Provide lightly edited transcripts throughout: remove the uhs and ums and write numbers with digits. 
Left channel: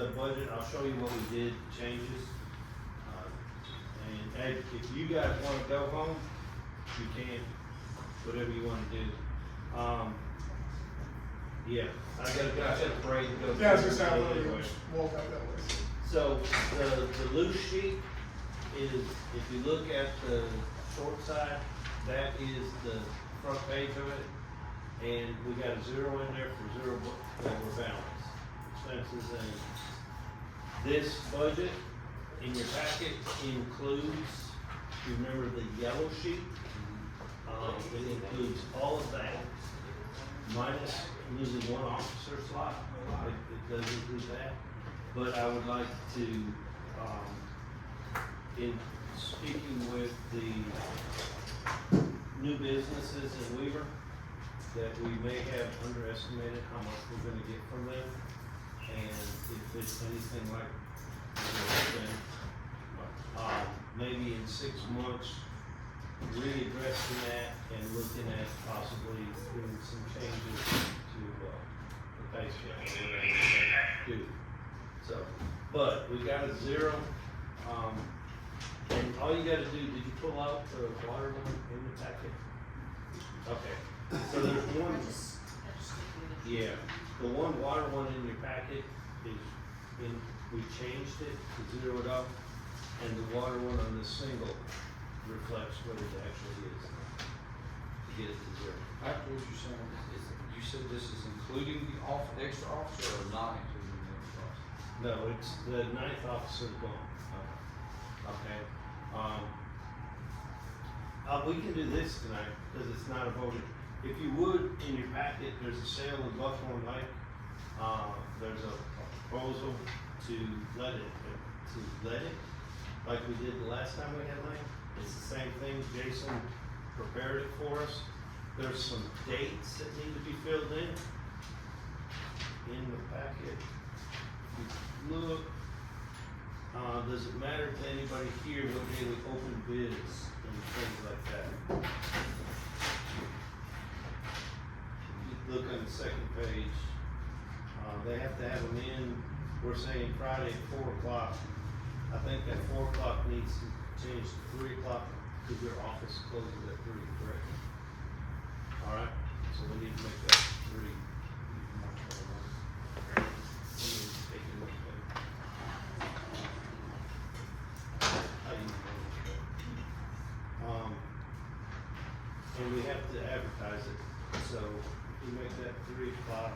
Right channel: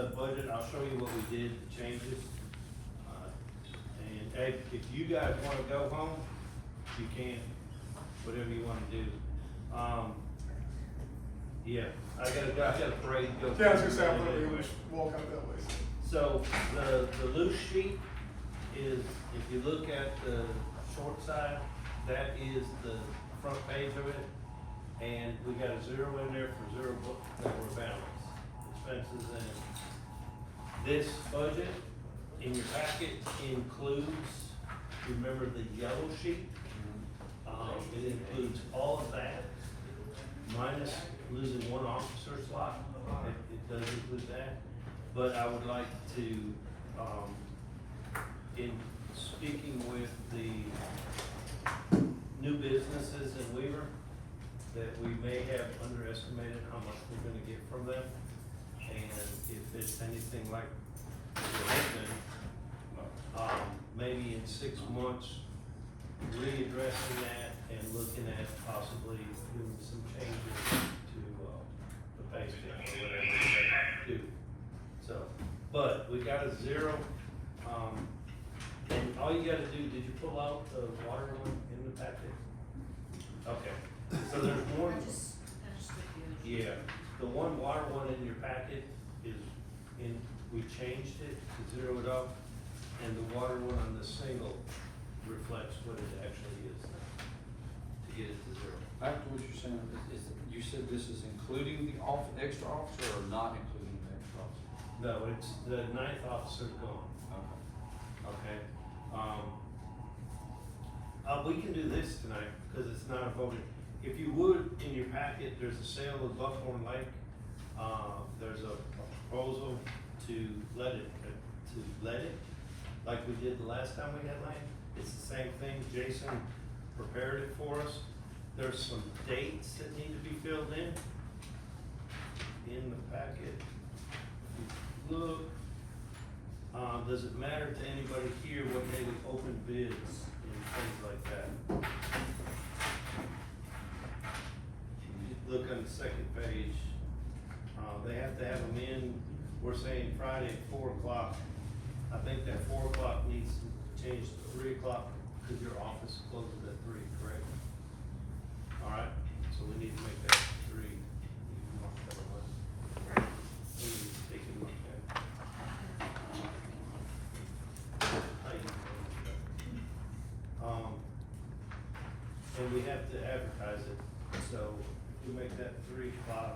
the budget, I'll show you what we did, changes. And Ed, if you guys wanna go home, you can, whatever you wanna do. Yeah, I gotta drive up the parade and go. Yeah, I was gonna say, I'm literally just walk out that way. So the loose sheet is, if you look at the short side, that is the front page of it. And we got a zero in there for zero balance, expenses, and this budget in your packet includes, you remember the yellow sheet? It includes all of that, minus losing one officer slot, it does include that. But I would like to, in speaking with the new businesses in Weaver, that we may have underestimated how much we're gonna get from them. And if it's anything like the thing, maybe in 6 months, readdressing that and looking at possibly doing some changes to, the pay scale or whatever they do. So, but we got a zero, and all you gotta do, did you pull out the water one in the packet? Okay, so there's one, yeah, the one water one in your packet is we changed it to zero it out, and the water one on the single reflects what it actually is, to get it to zero. Back to what you're saying, you said this is including the extra officer or not including the extra officer? No, it's the 9th officer's gone, Okay. okay? We can do this tonight, because it's not a voted. If you would, in your packet, there's a sale of Buckhorn Lake. There's a proposal to let it, like we did the last time we had night. It's the same thing, Jason prepared it for us. There's some dates that need to be filled in the packet. If you look, does it matter to anybody here what day we open bids and things like that? Look on the second page, they have to have them in, we're saying Friday at 4 o'clock. I think that 4 o'clock needs to change to 3 o'clock, because your office closes at 3, correct? Alright, so we need to make that 3. Mark that one. We need to take it with that. And we have to advertise it, so if we make that 3 o'clock,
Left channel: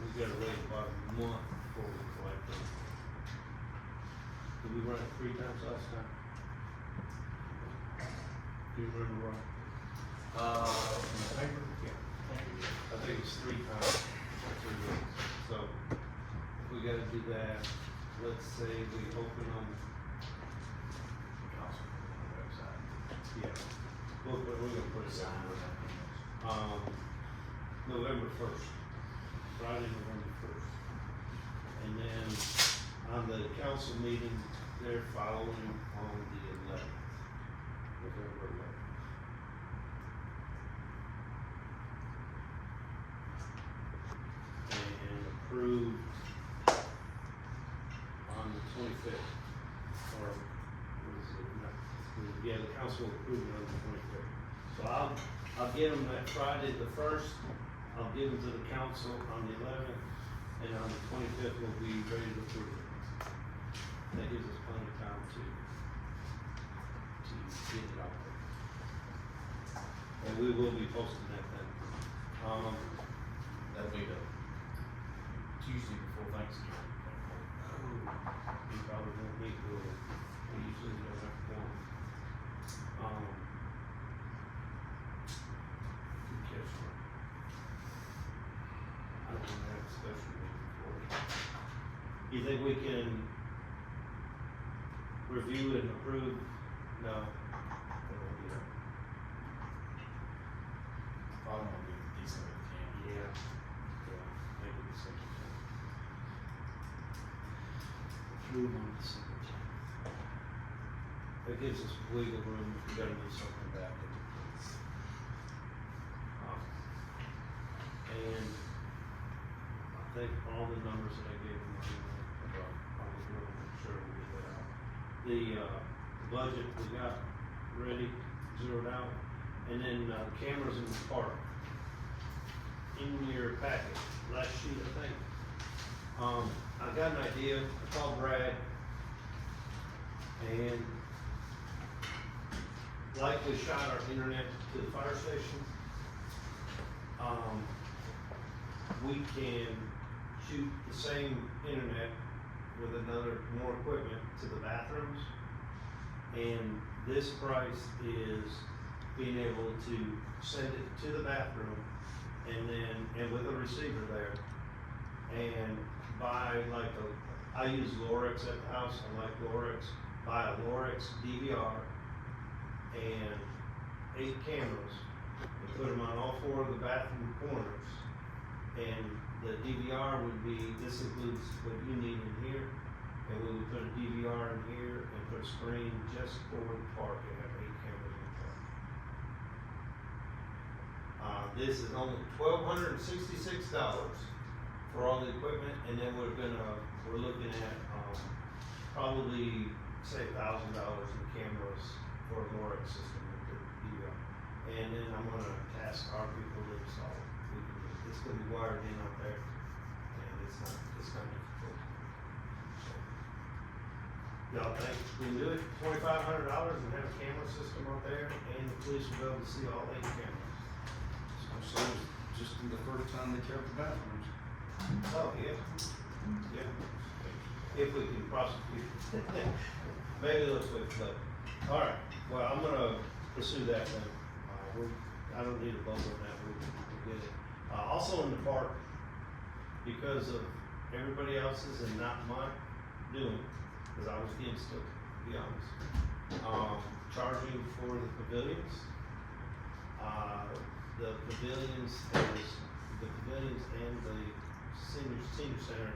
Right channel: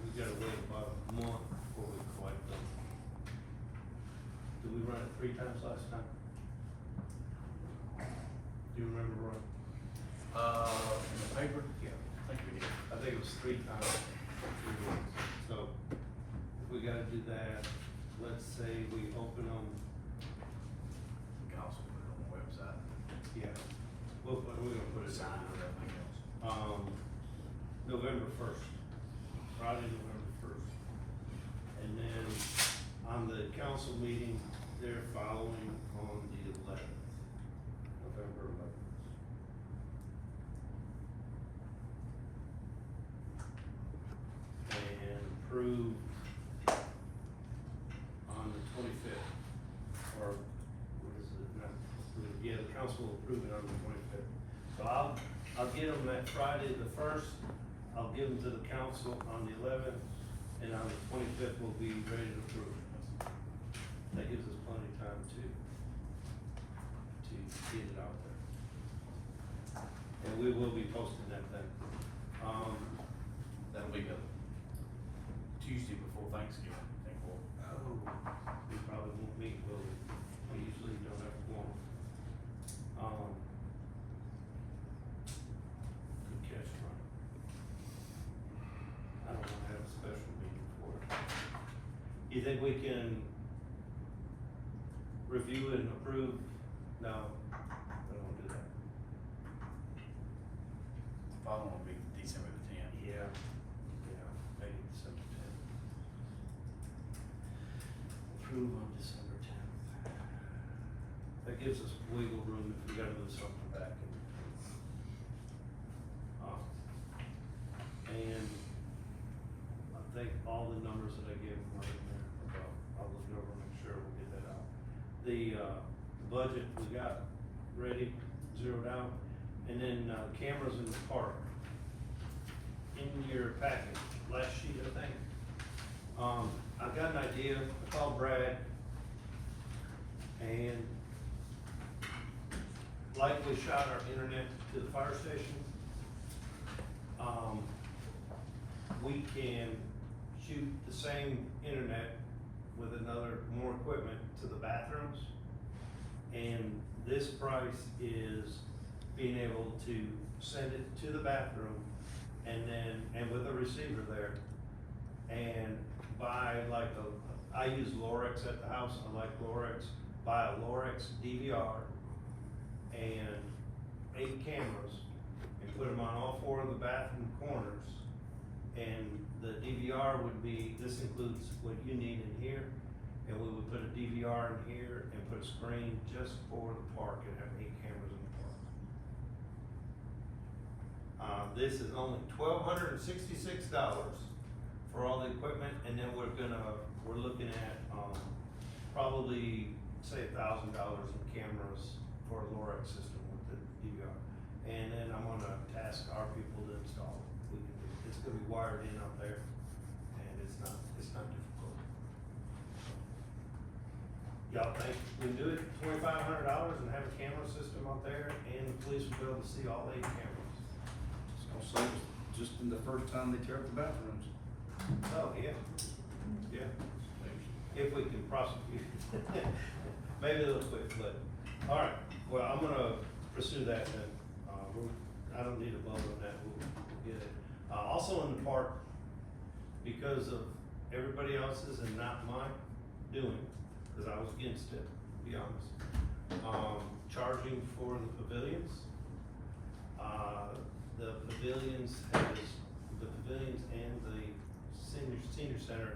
we gotta wait about a month before we collect them. Did we run it 3 times last time? Do you remember, Ron? In the paper? Yeah, I think we did. I think it was 3 times, 3 weeks. So, if we gotta do that, let's say we open on, Council on the website. yeah, we're gonna put it down. November 1st, Friday, November 1st. And then on the council meeting, they're following on the 11th, November 11th. And approved on the 25th, or what is it, yeah, the council approved it on the 25th. So I'll give them that Friday the 1st, I'll give them to the council on the 11th, and on the 25th we'll be ready to approve it. That gives us plenty of time to get it out there. And we will be posting that then. That'll be the Tuesday before Thanksgiving. We probably won't meet, we usually don't have to go. Good catch, Ron. I don't wanna have a special meeting for it. You think we can review and approve? No, we won't do that. I don't know, maybe December 10th. Yeah, maybe December 10th. Approve on December 10th. That gives us wiggle room if we gotta move something back in the case. And I think all the numbers that I gave them are, the budget we got ready, zeroed out, and then, cameras in the park. In your package, last sheet, I think. I got an idea, I called Brad, and like we shot our internet to the fire station, we can shoot the same internet with more equipment to the bathrooms. And this price is being able to send it to the bathroom and with a receiver there. And buy I use Lorex at the house, I like Lorex, buy a Lorex DVR and 8 cameras and put them on all 4 of the bathroom corners. And the DVR would be, this includes what you need in here, and we would put a DVR in here and put a screen just for the park and have 8 cameras in the park. This is only $1,266 for all the equipment, and then we're looking at, probably say $1,000 in cameras for a Lorex system with the DVR. And then I'm gonna task our people to install it. It's gonna be wired in out there, and it's not difficult. Y'all think we can do it, $2,500 and have a camera system up there, and the police will be able to see all 8 cameras? So just in the first time they tear up the bathrooms. Oh, yeah, yeah. If we can prosecute. Maybe they'll switch, but, all right, well, I'm gonna pursue that then. I don't need a vote on that, we'll get it. Also in the park, because of everybody else's and not my doing, cause I was against it, to be honest. Charging for the pavilions. The pavilions and the senior center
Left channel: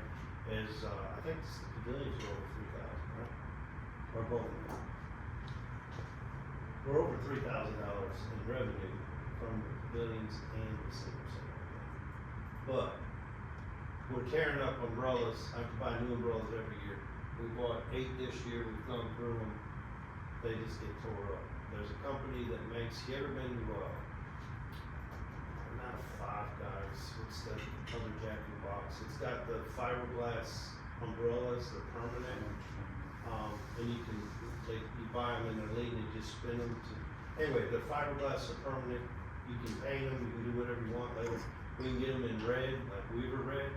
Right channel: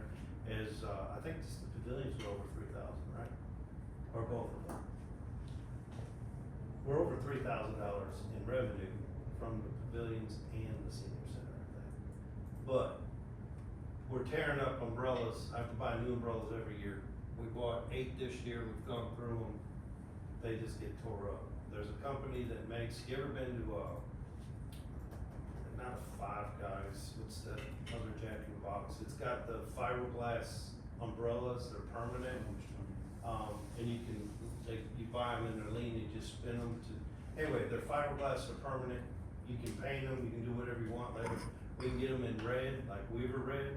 is, I think the pavilions are over 3,000, right? Or both of them. We're over $3,000 in revenue from the pavilions and the senior center. But we're tearing up umbrellas. I have to buy new umbrellas every year. We bought 8 this year, we've gone through them, they just get tore up. There's a company that makes, you ever been to, not a Five Guys, what's the other Jack in the Box? It's got the fiberglass umbrellas, they're permanent. And you buy them and they're lean, and just spin them anyway, the fiberglass are permanent. You can paint them, you can do whatever you want later. We can get them in red, like Weaver red.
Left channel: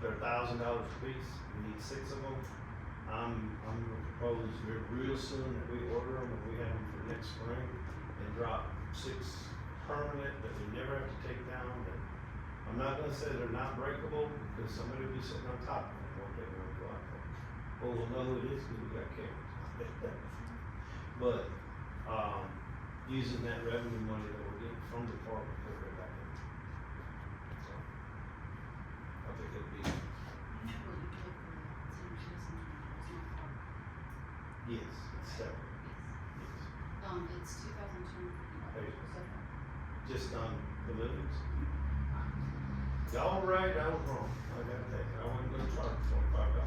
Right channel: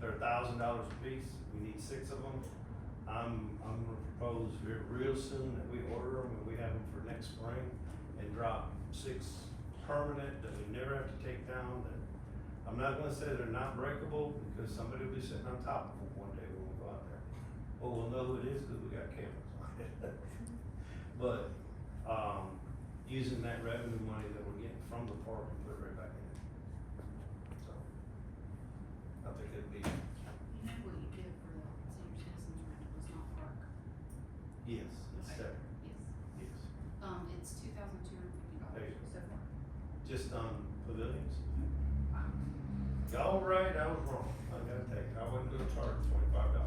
They're $1,000 a piece. We need 6 of them. I'm gonna propose real soon that we order them and we have them for next spring and drop 6 permanent that we never have to take down. And I'm not gonna say they're not breakable because somebody will be sitting on top of them one day when we go out there. Well, we'll know who it is because we got cameras. But, using that revenue money that we're getting from the park, we put it right back in. So, I think it'd be, You know what you get for the senior citizens when it was not park? yes, it's separate, Yes. yes. It's $2,250 so far. Just on pavilions. Y'all right, I was wrong, I gotta take it, I wasn't gonna charge $25.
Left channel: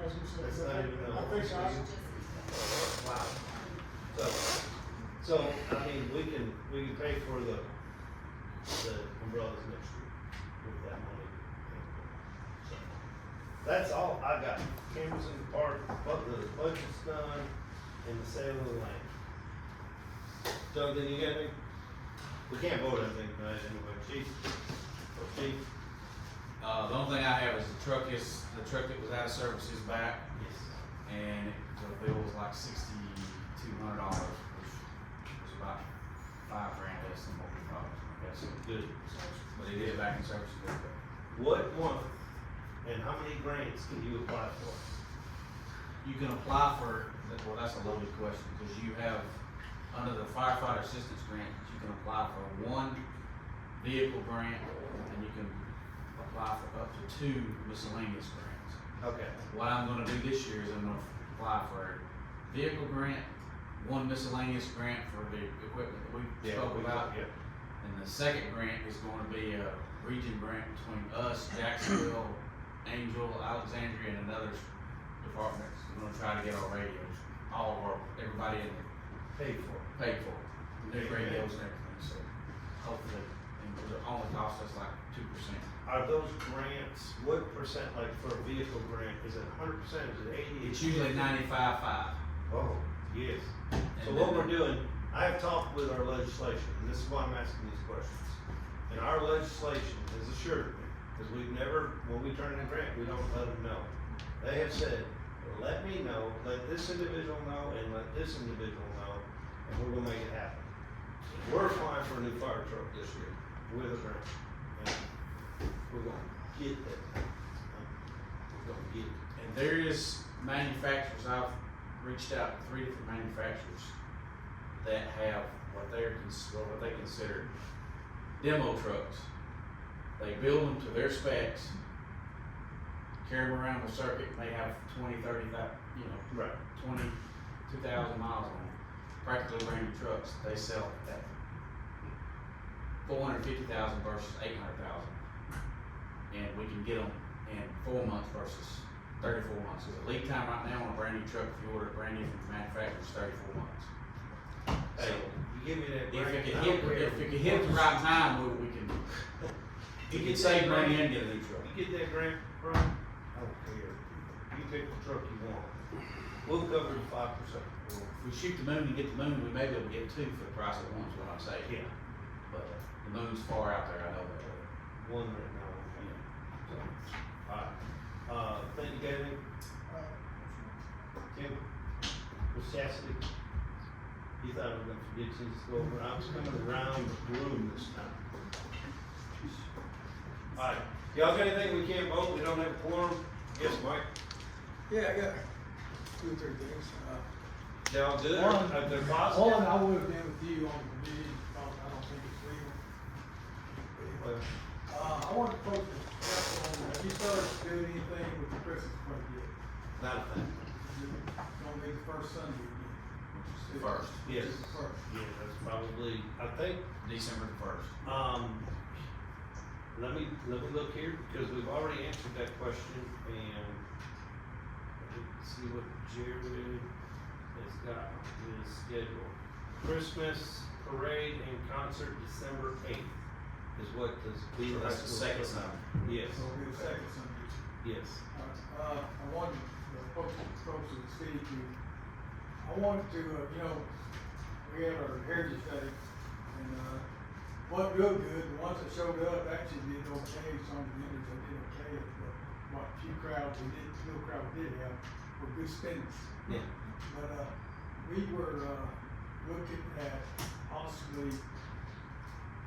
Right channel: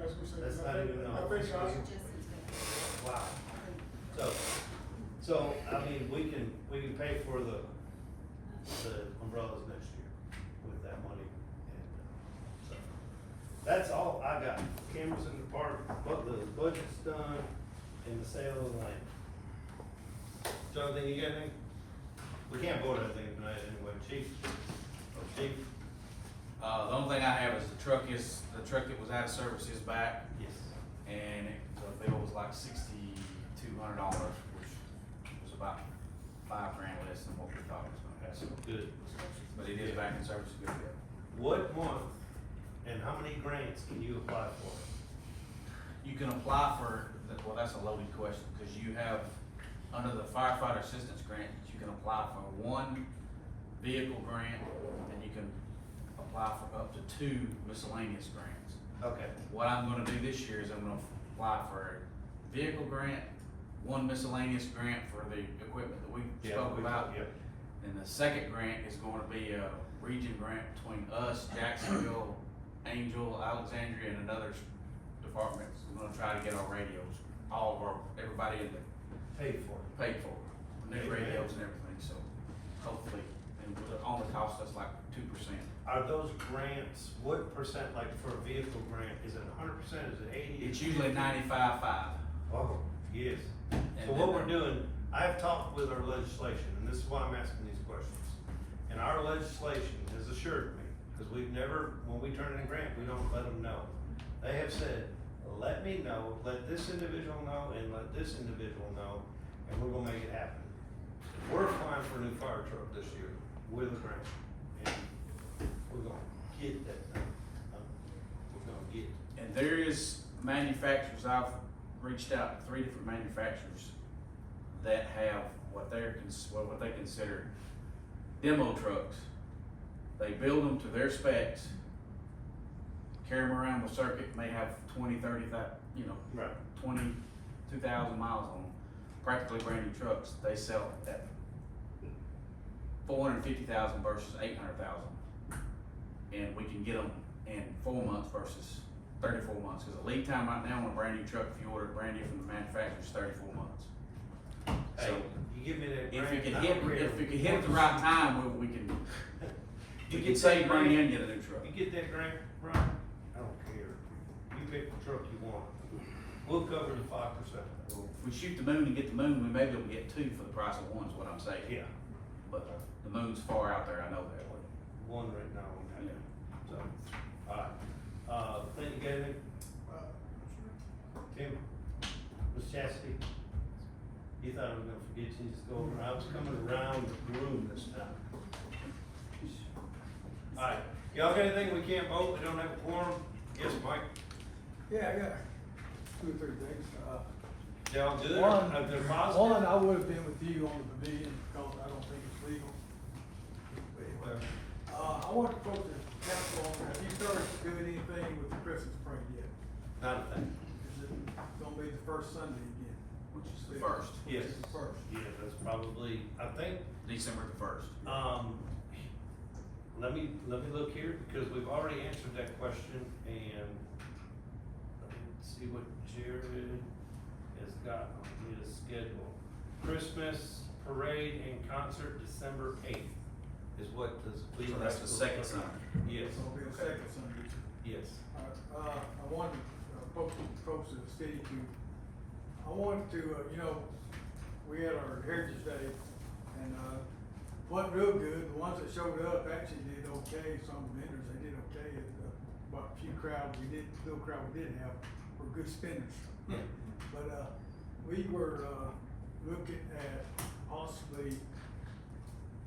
That's just in Silver. It's not even the whole Yeah, I was fiscal year. gonna say, That's not even I a- think It's I, just in Silver. Wow. So, I mean, we can pay for the umbrellas next year with that money. So, that's all I got, cameras in the park, but the budget's done, and the sale of the land. Jonathan, you got anything? We can't vote on anything tonight anyway, chief, or chief? The only thing I have is the truck that was out of service is back, Yes. and the bill was like $6,200, which was about $5,000 less than what we thought it was gonna be. Good. But it is back in service, good. What month and how many grants can you apply for? You can apply for, well, that's a loaded question, because you have, under the firefighter assistance grant, you can apply for 1 vehicle grant, and you can apply for up to 2 miscellaneous grants. Okay. What I'm gonna do this year is I'm gonna apply for a vehicle grant, 1 miscellaneous grant for the equipment that we spoke about. Yeah. And the second grant is gonna be a region grant between us, Jacksonville, Angel, Alexandria and another departments, we're gonna try to get our radios, all of our, everybody in there Paid for it. paid for, their radios and everything, so hopefully, and it'll only cost us like 2%. Are those grants, what percent, like for a vehicle grant, is it 100%, is it 80? It's usually 95.5. Oh, yes. So And what then- we're doing, I've talked with our legislation, and this is why I'm asking these questions. And our legislation has assured me, because we've never, when we turn in a grant, we don't let them know. They have said, let me know, let this individual know, and let this individual know, and we're gonna make it happen. We're applying for a new fire truck this year with a grant, and we're gonna get that. We're gonna get it. And there is manufacturers, I've reached out to 3 different manufacturers that have what they consider demo trucks. They build them to their specs, carry them around the circuit, and they have 20, 30, Right. 22,000 miles on them. Practically brand new trucks, they sell it at 450,000 versus 800,000. And we can get them in 4 months versus 34 months. Cause the lead time right now on a brand new truck, if you order it brand new from the manufacturer, is 34 months. Hey, So, you give me that if grant. you can I hit, don't care if you can hit the right time, we can You get get save that money grant, and get a new truck. you get that grant, Brian? I don't care. You pick the truck you want. We'll cover the 5%. If we shoot the moon and get the moon, we may be able to get 2 for the price of 1, is what I'm saying. Yeah, But the moon's far out there, I know that. one right now won't happen. So, alright. Thank you, Gavin. Tim, Ms. Chastity. You thought I was gonna forget you to go over. I was coming around the room this time. Alright, y'all got anything we can't vote? We don't have a quorum? Yes, Mike? Yeah, I got 2 or 3 things. Y'all good? One- If they're One, positive? I would have been with you on the convenience, because I don't think it's legal. Well, I want to focus, have you started doing anything with the Christmas party yet? not a thing. It's gonna be the first Sunday again. Which is the first, Yes. It's the first. Yeah, that's probably, I think, December the 1st. let me look here, because we've already answered that question, and let's see what Jared has got in his schedule. Christmas parade and concert December 8th is what this. So that's the second Sunday. Yes, So it'll be the second Sunday. yes. I wanted, folks of the city I wanted to, we had our Heritage Day, and, went real good. The ones that showed up actually did okay. Some of the vendors, they did okay, but what few crowd we did, little crowd we did have were good spenders. Yeah. But, we were, looking at possibly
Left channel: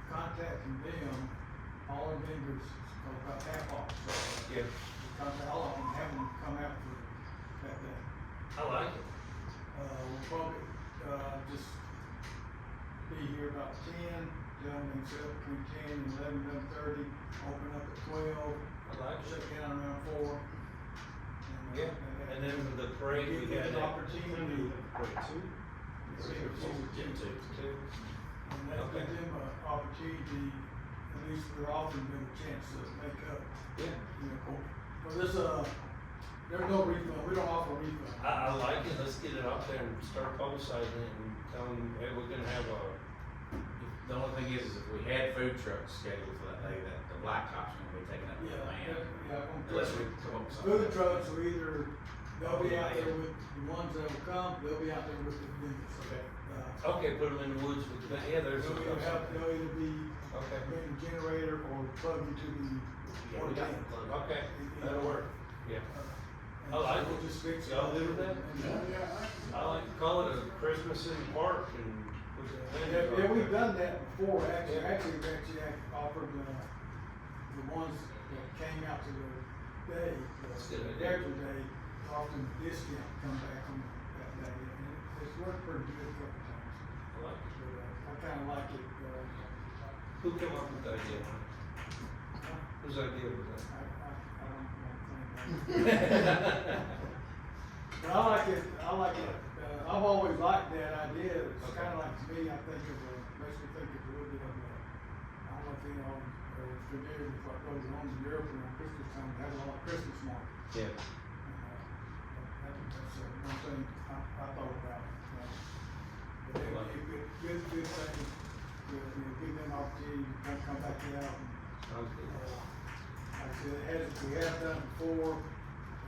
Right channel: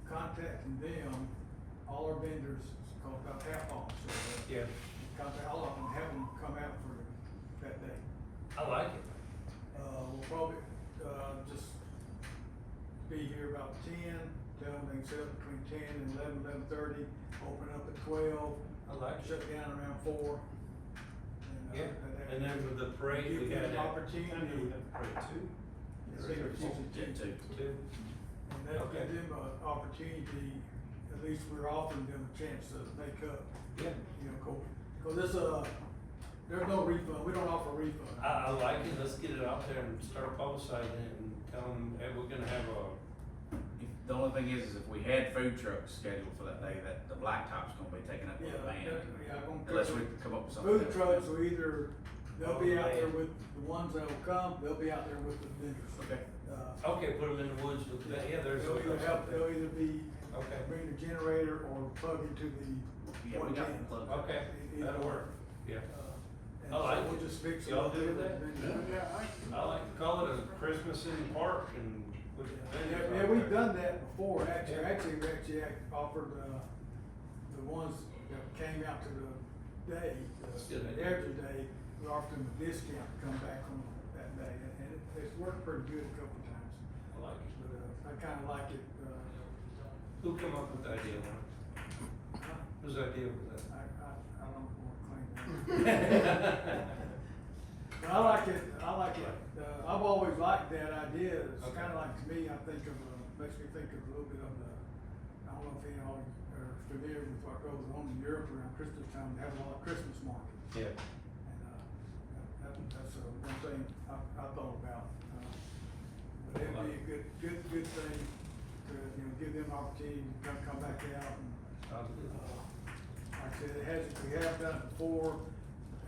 contacting them, all our vendors, called about half off. Yeah, Contact all of them, have them come out for that day. I like it. We'll probably, just be here about 10, tell them they set up between 10 and 11:30, open up at 12, I like shut it. down around 4. Yeah, and then for the parade, we Give got them an that. opportunity. Two. And that Okay. give them an opportunity, at least we're offering them a chance to make up, Yeah. Cause this, there's no refund, we don't offer a refund. I like it, let's get it out there and start publicizing it and tell them, hey, we're gonna have a, The only thing is if we had food trucks scheduled for that day, that the blacktop's gonna be taken up by the band. Unless we can come up with something. Food trucks will either, they'll be out there with the ones that'll come, they'll be out there with the vendors. Okay. okay, put them in the woods with that, yeah, there's. They'll either be, Okay, bring the generator or plug into the. Yeah, we got the plug. okay, that'll work, yeah. And I like so we'll it. just fix it. Y'all up good with there that? the I like, call it a Christmas in the park and. put the Yeah, vendors we've out done that before, actually, Yeah. we actually offered, the ones that came out to the day, That's a good the idea. Heritage Day, we offered them a discount to come back on that day, and it's worked pretty good a couple times. there. I like it. But, I kinda like it, Who came up with the idea, man? Whose idea was that? I don't think that. But I like it, I've always liked that idea, it's Okay. kinda like, to me, I think of, makes me think of a little bit of, I don't know if you know, familiar with what goes on in Europe around Christmas time, they have a lot of Christmas markets. Yeah. good thing to, give them opportunity to come back out and, Sounds good. like I said, it hasn't, we have done it before.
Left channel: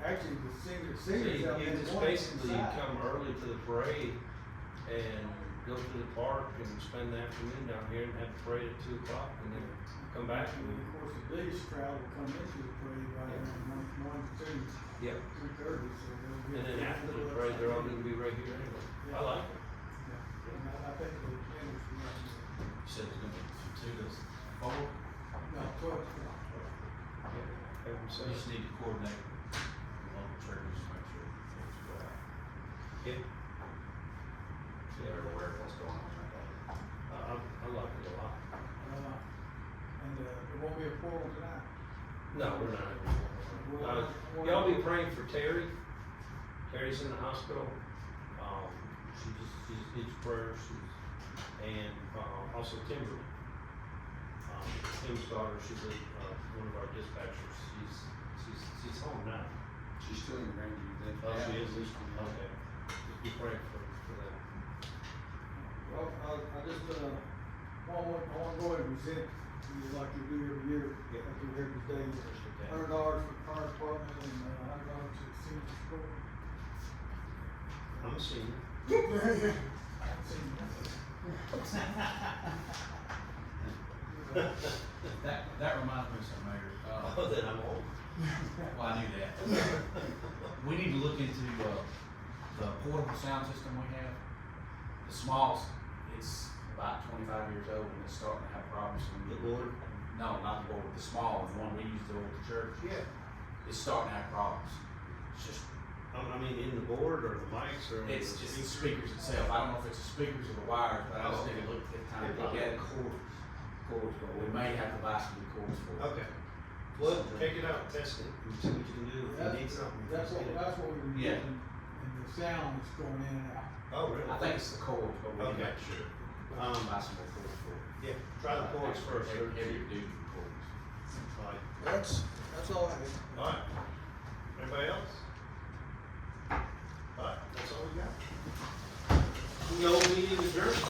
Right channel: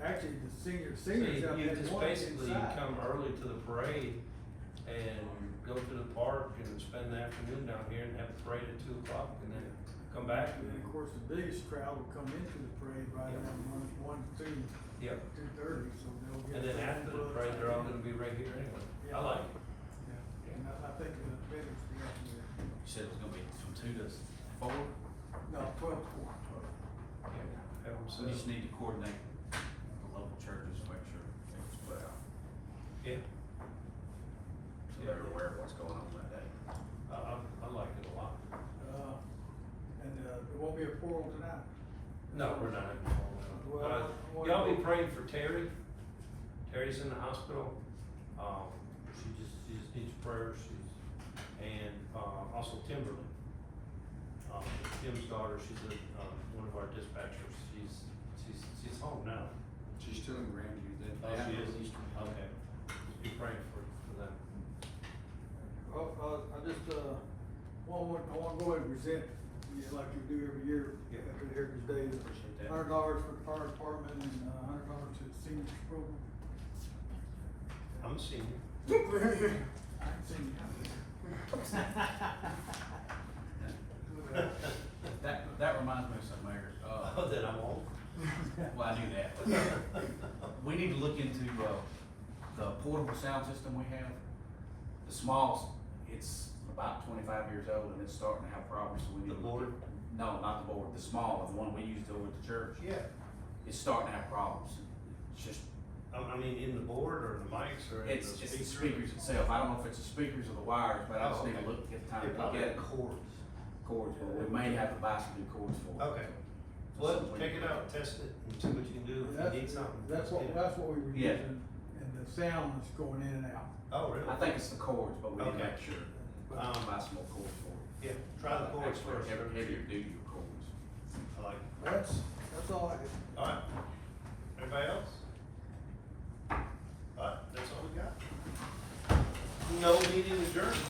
Actually, the seniors So you have been just one basically inside. come early to the parade and go to the park and spend the afternoon down here and have the parade at 2 o'clock and then come back And then, of course, the biggest crowd will come into the parade right around one, 2, Yep. 2:30, so they'll get. And then after the parade, they're all gonna be right here anyway. I like it. And I think the attendance will be, You said it's gonna be from 2 to 4, no, 12 o'clock. Have them so set we just up. need to coordinate the local churches to make sure. Yeah, They're aware of what's going on that day. I like it a lot. And, there won't be a portal tonight. No, we're not. Well, Y'all be praying for Terry. Terry's in the hospital. She just needs prayers. And, also Kimberly. Tim's daughter, she's one of our dispatchers. She's home now. She's still in Grandview then? Oh, she is? Okay. Just be praying for them. Well, I just, I wanna go ahead and present, like we do every year, Yeah. after every day. Appreciate that. $100 for the fire department and, $100 to the senior school. I'm a senior. I haven't seen That reminds me of something, Mayor. Oh, then I'm old. Well, I knew that. We need to look into, the portable sound system we have. The smalls, it's about 25 years old and it's starting to have problems. So we The need- board? No, not the board, the small, the one we use over the church. Yeah. It's starting to have problems. It's just, I mean, in the board or the mics or? in it's the the speaker? speakers itself. I don't know if it's the speakers or the wires, but I just Oh, need to okay. look at time, They're look probably at it. cords. Cords, or we may have to buy some new cords for it. Okay. Well, take it out, test it, and see what you can do. If you need something. That's what we were Yeah. using, and the sound is going in and out. Oh, really? I think it's the cords, but we need to Okay. make sure. Buy some more cords for it. Yeah, try the cords first. Heavier duty cords. All right. That's all I have. All right. Everybody else? All right, that's all we got. No meeting adjourned.